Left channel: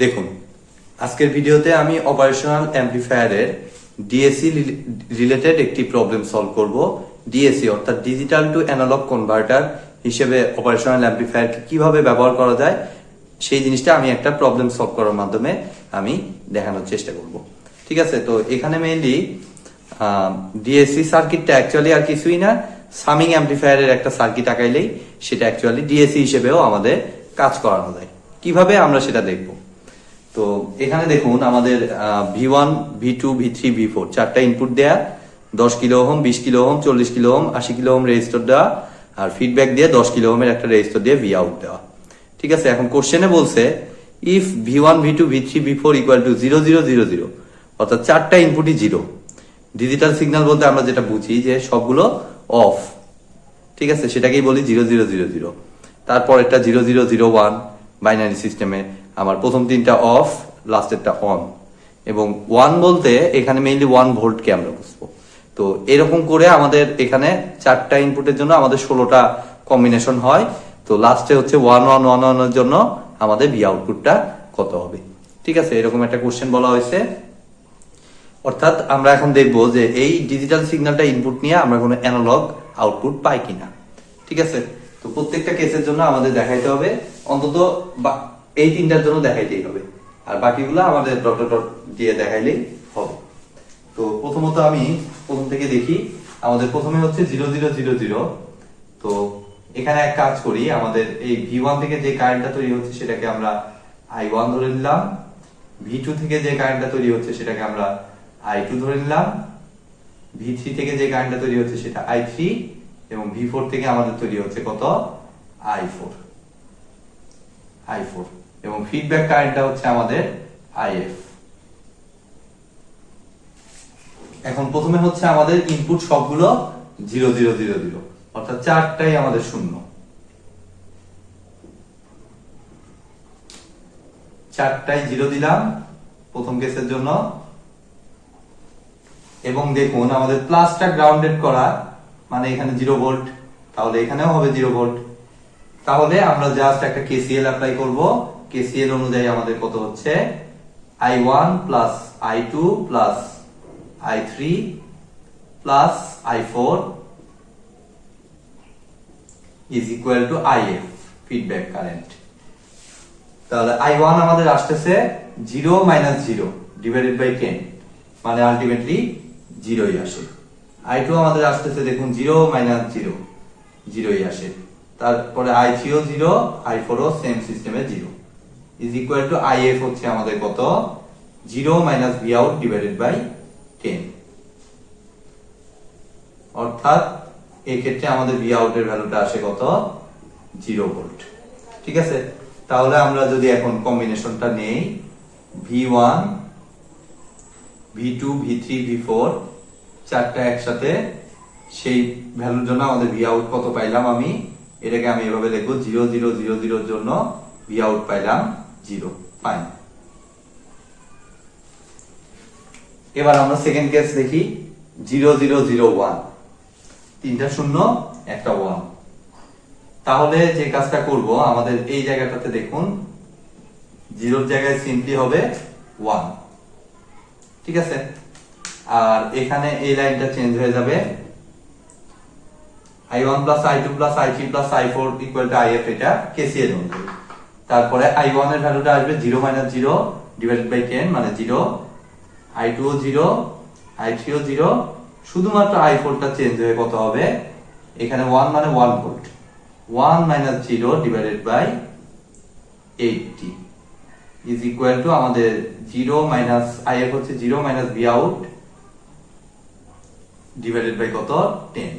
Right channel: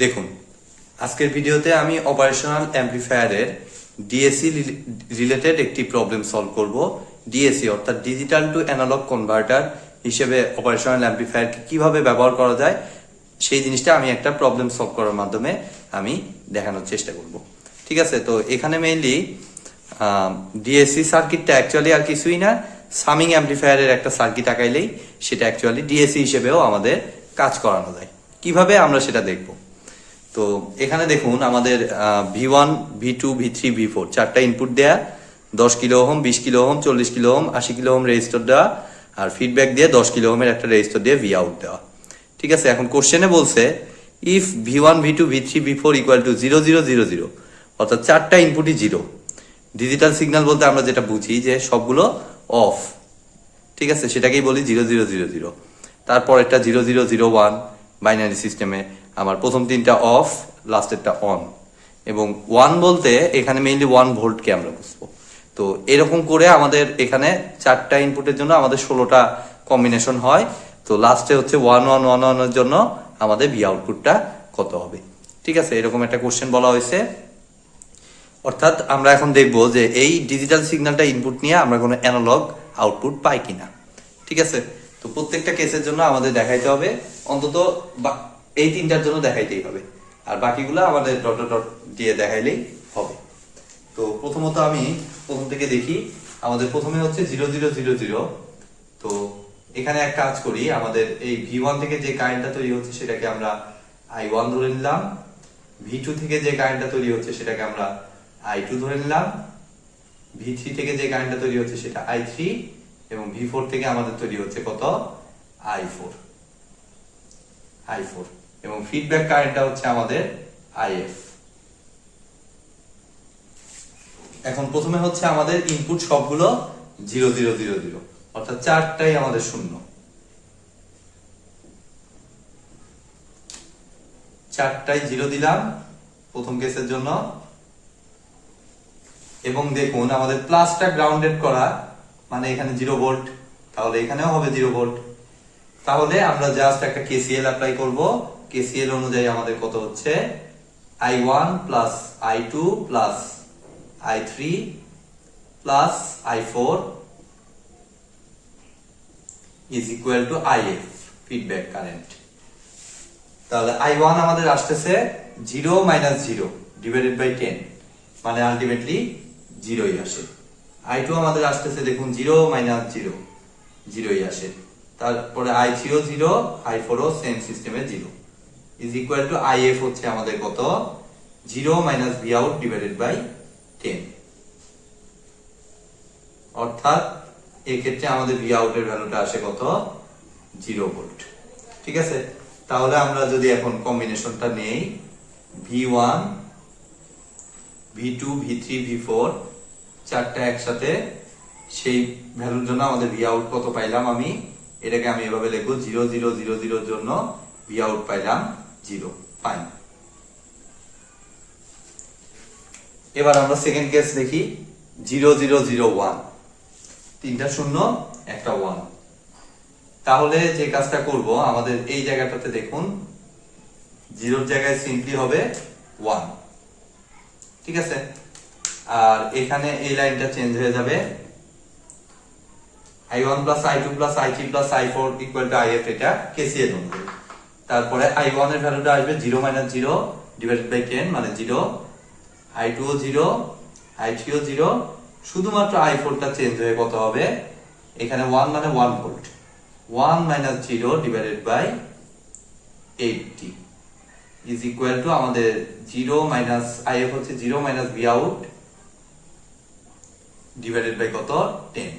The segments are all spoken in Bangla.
দেখুন, আজকের ভিডিওতে আমি অপারেশনাল অ্যাম্পলিফায়ারের ডিএসি রিলেটেড একটি প্রবলেম সলভ করব। ডিএসি অর্থাৎ ডিজিটাল টু অ্যানালগ কনভার্টার হিসেবে অপারেশনাল অ্যাম্পলিফায়ারকে কিভাবে ব্যবহার করা যায় সেই জিনিসটা আমি একটা প্রবলেম সলভ করার মাধ্যমে আমি দেখানোর চেষ্টা করব। ঠিক আছে, তো এখানে মেইনলি ডিএসি সার্কিটটা অ্যাকচুয়ালি আর কিছুই না, সামিং অ্যাম্পলিফায়ারের একটা সার্কিট আঁকাইলেই সেটা অ্যাকচুয়ালি ডিএসি হিসেবেও আমাদের কাজ করানো যায়। কিভাবে আমরা সেটা দেখব। তো এখানে দেখুন আমাদের V1, V2, V3, V4 চারটা ইনপুট দেয়া, 10 kilo ohm, 20 kilo ohm, 40 kilo ohm, 80 kilo ohm resistor দেওয়া, আর ফিডব্যাক দিয়ে 10 কিলো ওহমের একটা রেজিস্টর দিয়ে ভি আউট দেওয়া। ঠিক আছে, এখন কোশ্চেনে বলছে if V1, V2, V3, V4 equal to 0 0 0 0, অর্থাৎ চারটা ইনপুটই জিরো। ডিজিটাল সিগন্যাল বলতে আমরা যেটা বুঝি যে সবগুলো অফ। ঠিক আছে, সেটাকেই বলি 0 0 0 0। তারপর একটা 0 0 0 1 বাইনারি সিস্টেমে আমার প্রথম তিনটা অফ, লাস্টেরটা অন। এবং 1 বলতে এখানে মেইনলি 1 ভোল্টকে আমরা বুঝবো। তো এরকম করে আমাদের এখানে চারটা ইনপুটের জন্য আমাদের 16টা কম্বিনেশন হয়। তো লাস্টে হচ্ছে 1 1 1 1 এর জন্য আমাদের ভি আউটপুটটা কত হবে। ঠিক আছে, এরকম একটা কোশ্চেন বলা হয়েছে। অর্থাৎ আমরা এখন দেখবো যে এই ডিজিটাল সিগন্যালটা ইনপুট নিয়ে আমরা কোনো অ্যানালগ আউটপুট পাই কিনা। ঠিক আছে, তো প্রত্যেকটা কেসের জন্য আমাদের দেখাইতে হবে অন্তত এই তিনটার জন্য দেখাইতেই হবে, আর বাকিগুলো আমাদের ডট ডট দিয়ে দেখাইলেই হবে। তো প্রথমত আমি প্রথম থেকে দেখি। আমাদের প্রথমে হচ্ছে 0 0 0 0। তো এখানে এক কাজ করি, আমাদের এই V1 থেকে যে কারেন্টটা তৈরি হচ্ছে সেটাকে আমরা I1 ধরে নিলাম, V2 থেকে যে কারেন্টটা তৈরি হচ্ছে সেটাকে আমরা I2 ধরে নিলাম, V3 থেকে যে কারেন্টটা তৈরি হচ্ছে সেটা I3, এবং V4 থেকে আমাদের তৈরি হচ্ছে কত I4 এবং ফিডব্যাক কারেন্টটা হচ্ছে আমাদের IF। এখন প্রথমে হচ্ছে আমাদের ইনপুট সবগুলো 0 0 0 0, অর্থাৎ চারটাই আমাদের শূন্য। চারটাই জিরো দিলাম প্রথম কেসের জন্য। এবং দেখুন আমাদের প্লাসটা গ্রাউন্ডেড করা, মানে এখানে 0 ভোল্ট, তাহলে এখানেও হবে 0 ভোল্ট। তাহলে আমরা জাস্ট একটা কেসিএল অ্যাপ্লাই করব। কেসিএল অনুযায়ী আমাদের কত হচ্ছে I1 plus I2 plus I3 plus I4 is equal two IF, feedback current. তাহলে I1 আমাদের আসতেছে 0 মাইনাস 0 ডিভাইডেড বাই 10, মানে আলটিমেটলি 0ই আসে। I2 আমাদের আসতেছে দেখুন 0 মাইনাস 0 0ই আসে। তারপরে I3 ও 0, I4 ও সেম সিস্টেমে 0 ইজ ইকুয়াল টু IF হচ্ছে আমাদের কত 0 minus V out divided by 10, অর্থাৎ এই ক্ষেত্রে আমাদের ভি আউটের ভ্যালুটা আসে কত 0 ভোল্ট। ঠিক আছে, তাহলে আমরা যদি এখন কম্বিনেশনটা নেই V1, V2, V3, V4 চারটা একসাথে, সেই ভ্যালুর জন্য আমাদের ভি আউট কত পাইলাম, আমি এটাকে আমি এভাবে লিখবো 0 0 0 0 এর জন্য ভি আউট পাইলাম 0। ফাইন। এবার আমরা সেকেন্ড কেস দেখি 0 0 0 1, তিনটা শূন্য একটা 1। তাহলে যে কাজটা করব, আমাদের এই জায়গাটাতে দেখুন 0 এর জায়গায় সিম্পলি হবে 1। ঠিক আছে, আর এখানে এই লাইনটা চেঞ্জ হয়ে যাবে I1 plus I2 plus I3 plus I4 equal to IF, এটা কেসিএল অনুযায়ী। তারপরে I1 এর ভ্যালুটা আসবে 0 মাইনাস 0 ডিভাইডেড বাই 10, মানে 0। I2 ও 0, I3 ও 0, শুধুমাত্র I4 টা চেঞ্জ হয়ে কত হবে, এখানে 1 মানে 1 volt, 1 minus 0 divided by 80 is equal to আমাদের 0 মাইনাস IF হচ্ছে 0 minus V out divided by কত 10।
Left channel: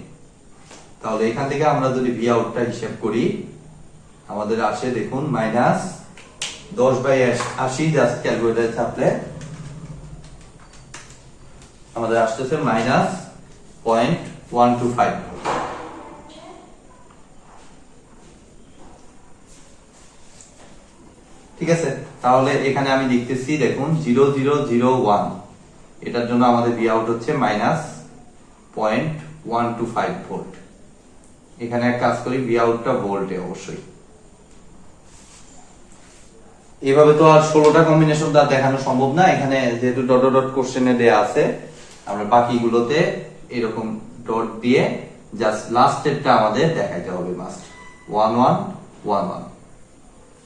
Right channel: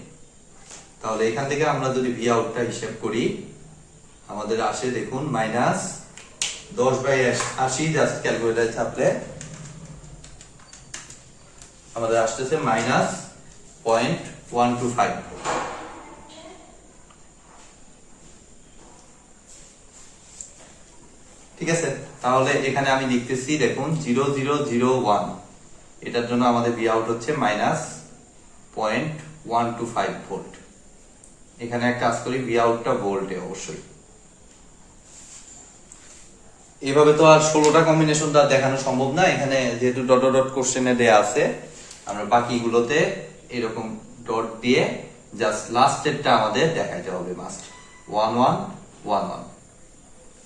তাহলে এখান থেকে আমরা যদি ভি আউটটা হিসাব করি, আমাদের আসে দেখুন মাইনাস 10 বাই 80, জাস্ট ক্যালকুলেটরে ছাপলে আমাদের আসতেছে মাইনাস 0.125। ঠিক আছে, তাহলে এখানে আমি লিখতেছি দেখুন 0 0 0 1, এটার জন্য আমাদের ভি আউট হচ্ছে মাইনাস 0.125 ভোল্ট। এখানে এক কাজ করি, ভি আউটটা ভোল্টে অবশ্যই। এভাবে তো আর 16টা কম্বিনেশন তো আর দেখানো সম্ভব না, এখানে যেহেতু ডট ডট কোশ্চেনে দেয়া আছে, আমরা বাকিগুলোতে এরকম ডট দিয়ে জাস্ট লাস্টেরটা আমাদের দেখাইতে হবে মাস্ট। 1 1 1 1,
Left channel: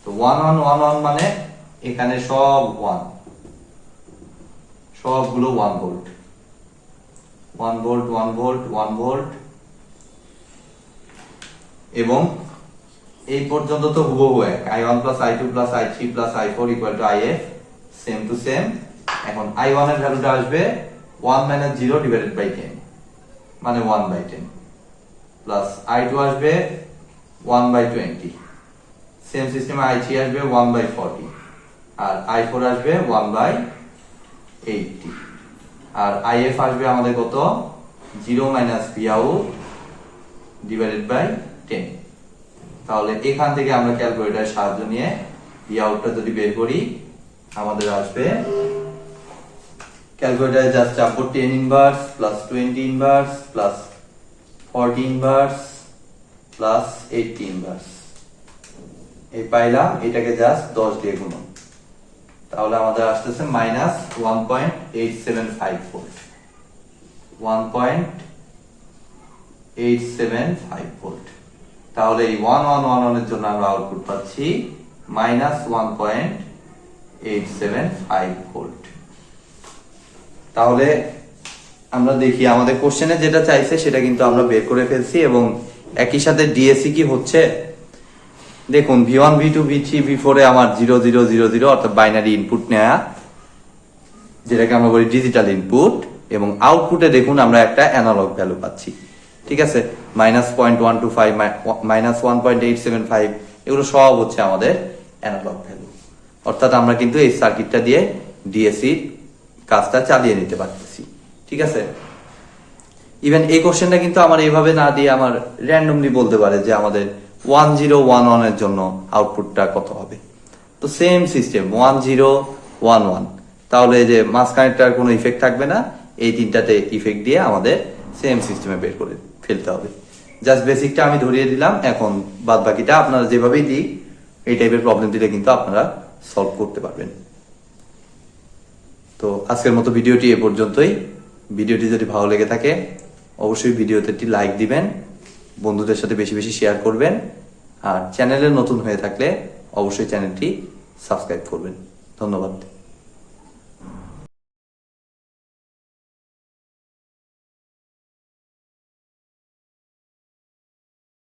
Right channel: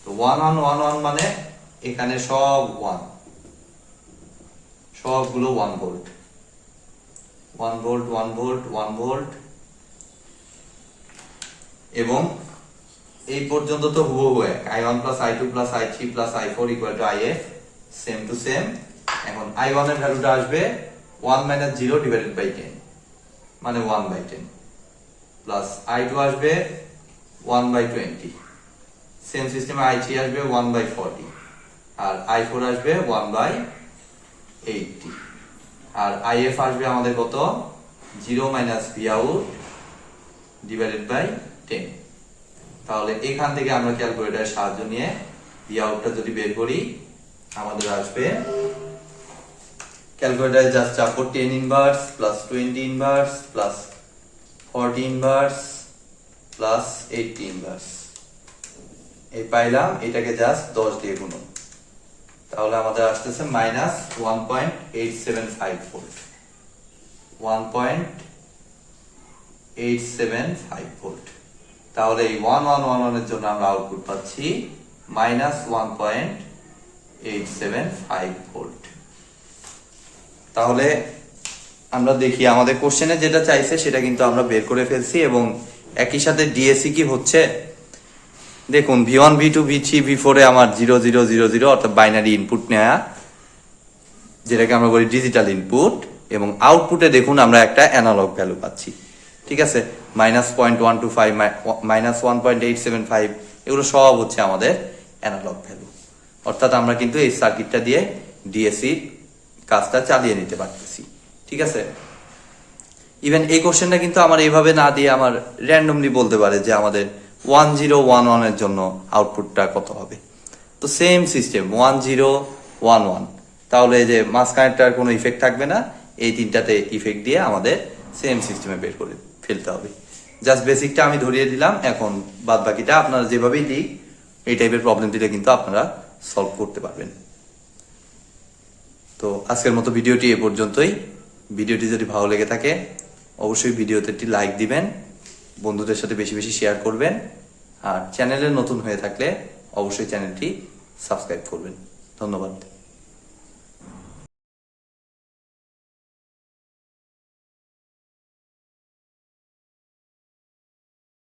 তো 1 1 1 1 মানে এখানে সব 1, সবগুলো 1 ভোল্ট 1 ভোল্ট 1 ভোল্ট 1 ভোল্ট, এবং এই পর্যন্ত তো হুবহু এক, i1 plus i2 plus i3 plus i4 equal to if, same to same. এখন i1 এর ভ্যালুটা আসবে 1 মাইনাস 0 ডিভাইডেড বাই 10, মানে 1/10, প্লাস i2 আসবে 1/20, সেম সিস্টেমে i3 আসবে 1/40, আর i4 আসবে 1/80, আর if আসবে আমাদের কত, 0 minus V out divided by 10। তাহলে এখান থেকে আমরা ক্যালকুলেটরের সাহায্য নিয়ে ভি আউটটা যদি বের করি, আমাদের আসবে, ক্যালকুলেটরে জাস্ট চাপবো 10 inverse plus 20 inverse plus 40 inverse plus 80 inverse, এই পাইলাম, এটাকে জাস্ট 10 দিয়ে গুণন, তাহলে আমাদের আসতেছে মাইনাস 1.875 ভোল্ট, 1.875 ভোল্ট। তাহলে এই 1 1 1 1 এর জন্য আমরা আউটপুট পাচ্ছি মাইনাস 1.875 ভোল্ট। তাহলে আমরা দেখি আমাদের কোশ্চেনে যেটা চাইছে সেটা কিন্তু আমরা বের করে ফেলছি, এবং একই সাথে ডিএসি কি হচ্ছে দেখুন, V1 V2 V3 V4 এ আমার 0 0 0 0 অর্থাৎ বাইনারি ইনপুট নেয়া, যেটাকে আমরা বলি ডিজিটাল ইনপুট, এবং আউটপুটে দেখুন আমরা একটা অ্যানালগ ভ্যালু পাচ্ছি, ঠিক আছে, -0.125 -1.875, এগুলো সব হচ্ছে আমাদের অ্যানালগ ভ্যালু। অর্থাৎ আমরা কিন্তু এই সার্কিটটা দিয়ে ডিএসি কাজটা চালিয়ে নিতে পারতেছি, ঠিক আছে। ইভেন এই কোশ্চেনটা কিন্তু আমার এইভাবে না দিয়ে আমার র্যান্ডমলি বলতে পারে যে আমাদের 1011 এর জন্য আউটপুটটা কত হবে। তো সেম সিস্টেম 1011, তাহলে যে মাঝখানেরটার কোনো ইফেক্ট থাকবে না, এই তিনটাতে ইফেক্ট দিয়ে আমাদের সেম সিস্টেমে বের করে ফেলতে হবে। জাস্ট বেসিকটা আমি ধরিয়ে দিলাম, এখন বাদ বাকিটা আপনারা যেভাবেই দিই এই টাইপের প্রবলেম দিলে কিন্তু আপনারা সলভ করতে পারবেন। তো আজকের মতো ভিডিওটি এ পর্যন্তই। ভিডিওটি যদি ভালো লেগে থাকে অবশ্যই ভিডিওতে একটি লাইক দিবেন, বন্ধুদের সাথে বেশি বেশি শেয়ার করবেন, আর চ্যানেলে নতুন হয়ে থাকলে অবশ্যই চ্যানেলটি সাবস্ক্রাইব করবেন। ধন্যবাদ।